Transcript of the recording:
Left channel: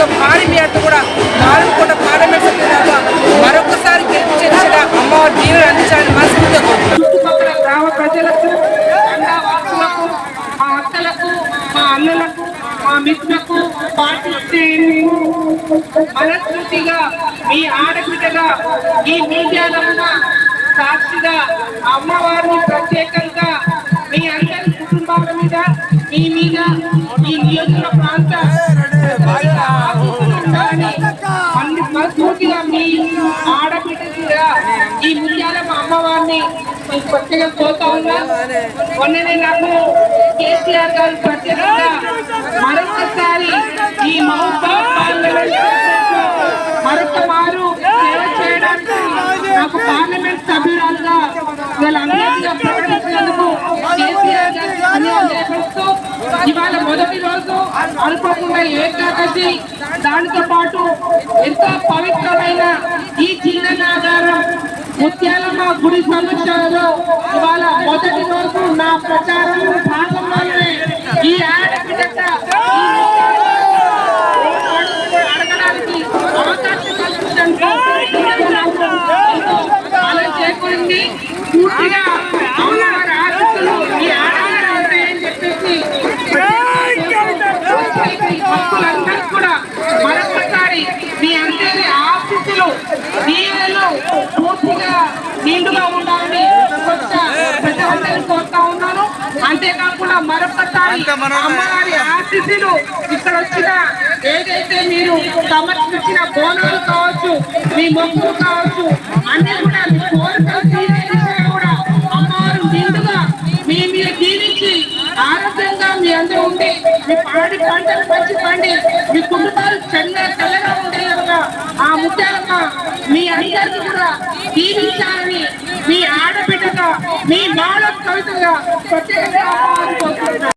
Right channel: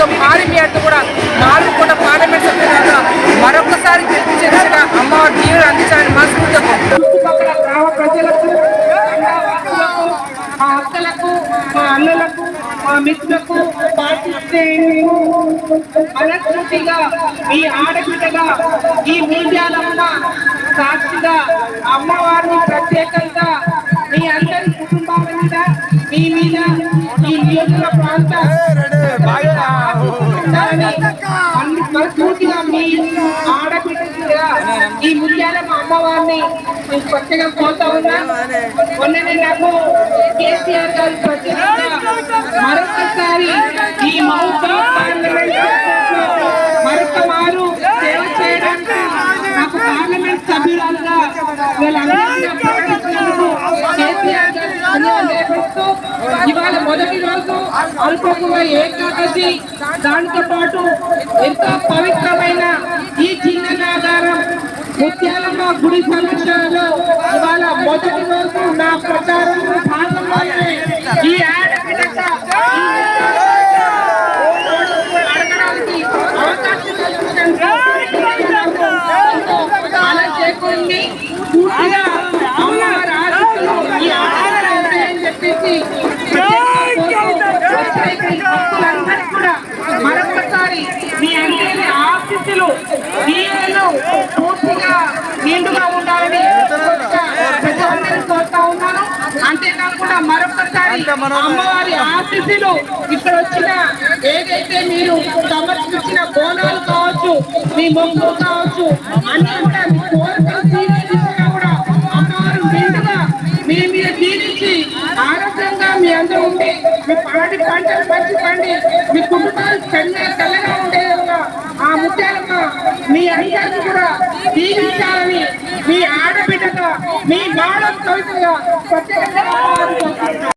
మెజార్టీతో భారీ మెజార్టీతో కూడా మారుకోట పార్లమెంట్ సభ్యులుగా మరొకసారి గెలిపించేదిగా అమ్మవారి దీవెనలు అందించాలని మనస్ఫూర్తిగా చుట్టుపక్కల గ్రామ ప్రజలకు, మా అక్కలకు, మా అన్నలకు, మా మిత్రులకు పాటిస్తే మనస్ఫూర్తిగా ఈ ఆడబిడ్డగా ఈ మీడియాలమ్మ సాక్షిగా అమ్మవారిని ప్రత్యేకంగా మీ అందరి కుటుంబాల మీద, మీ మీద, ఈ నియోజక ప్రాంత మనస్ఫూర్తిగా మీ ఆడబిడ్డగా ఈ ముత్యాలమ్మ అమ్మవారిని ప్రత్యేకంగా కోరుతా ఉన్నా. మొన్ననే నాకు కేసీఆర్ గారు ప్రత్యేకంగా మరొకసారి ఈ మహబూబాబాద్ పార్లమెంట్ మరొక వారు సేవ చేయడానికి నాకు పార్లమెంట్ సభ్యురాలుగా వీళ్ళందరినీ ప్రకటించినందుకు కేసీఆర్ గారు ధన్యవాదాలు. ఇవాళ మొదటి రోజు అనుకోకుండా ఏకాదశి, దానితో పాటు ఎంతో పవిత్రమైన ఈ చిన్ననాగారం ముత్యాలమ్మ గుడి సమక్షంలో ఇవాళ మొదటి రోజు నా ప్రచారం భాగంలోనే ఈ ఆడబిడ్డ అలా చేకూరింది. పూర్తిగా అమ్మవారి ఆశీస్సులు ఈ ఆడబిడ్డ ఉంటాయని చెప్పేసి భక్తులందరూ కూడా మరొకసారి మీ అందరి ఆశీస్సులు దీవెనలు పూర్తిగా నిండుగా ఉండాలని ప్రజలందరూ కోరుతా ఉన్నాను. అంతేకాకుండా మరొకసారి అమ్మవారి ఆశీస్సులు ఇక్కడ వచ్చిన ఏదైతే మీరు సమర్పించిన బోనాలు కావచ్చు, మీ మొక్కులు కావచ్చు, అన్ని కూడా మీ కోరికలు తీర్చినా కూడా అమ్మవారు నిండుగా మీరు దీనికి ఆరోగ్యంగా మీ అందరూ ఉండి మీ పాడి పంటలు పంచుకోండి, మీ కుటుంబాలు చల్లగా ఉండేలాగా ఆ ముత్యాలమ్మ మీ అందరినీ కూడా దీవించాలని మీ ఆడబిడ్డగా మీ నాన్న కవితగా ప్రత్యేకంగా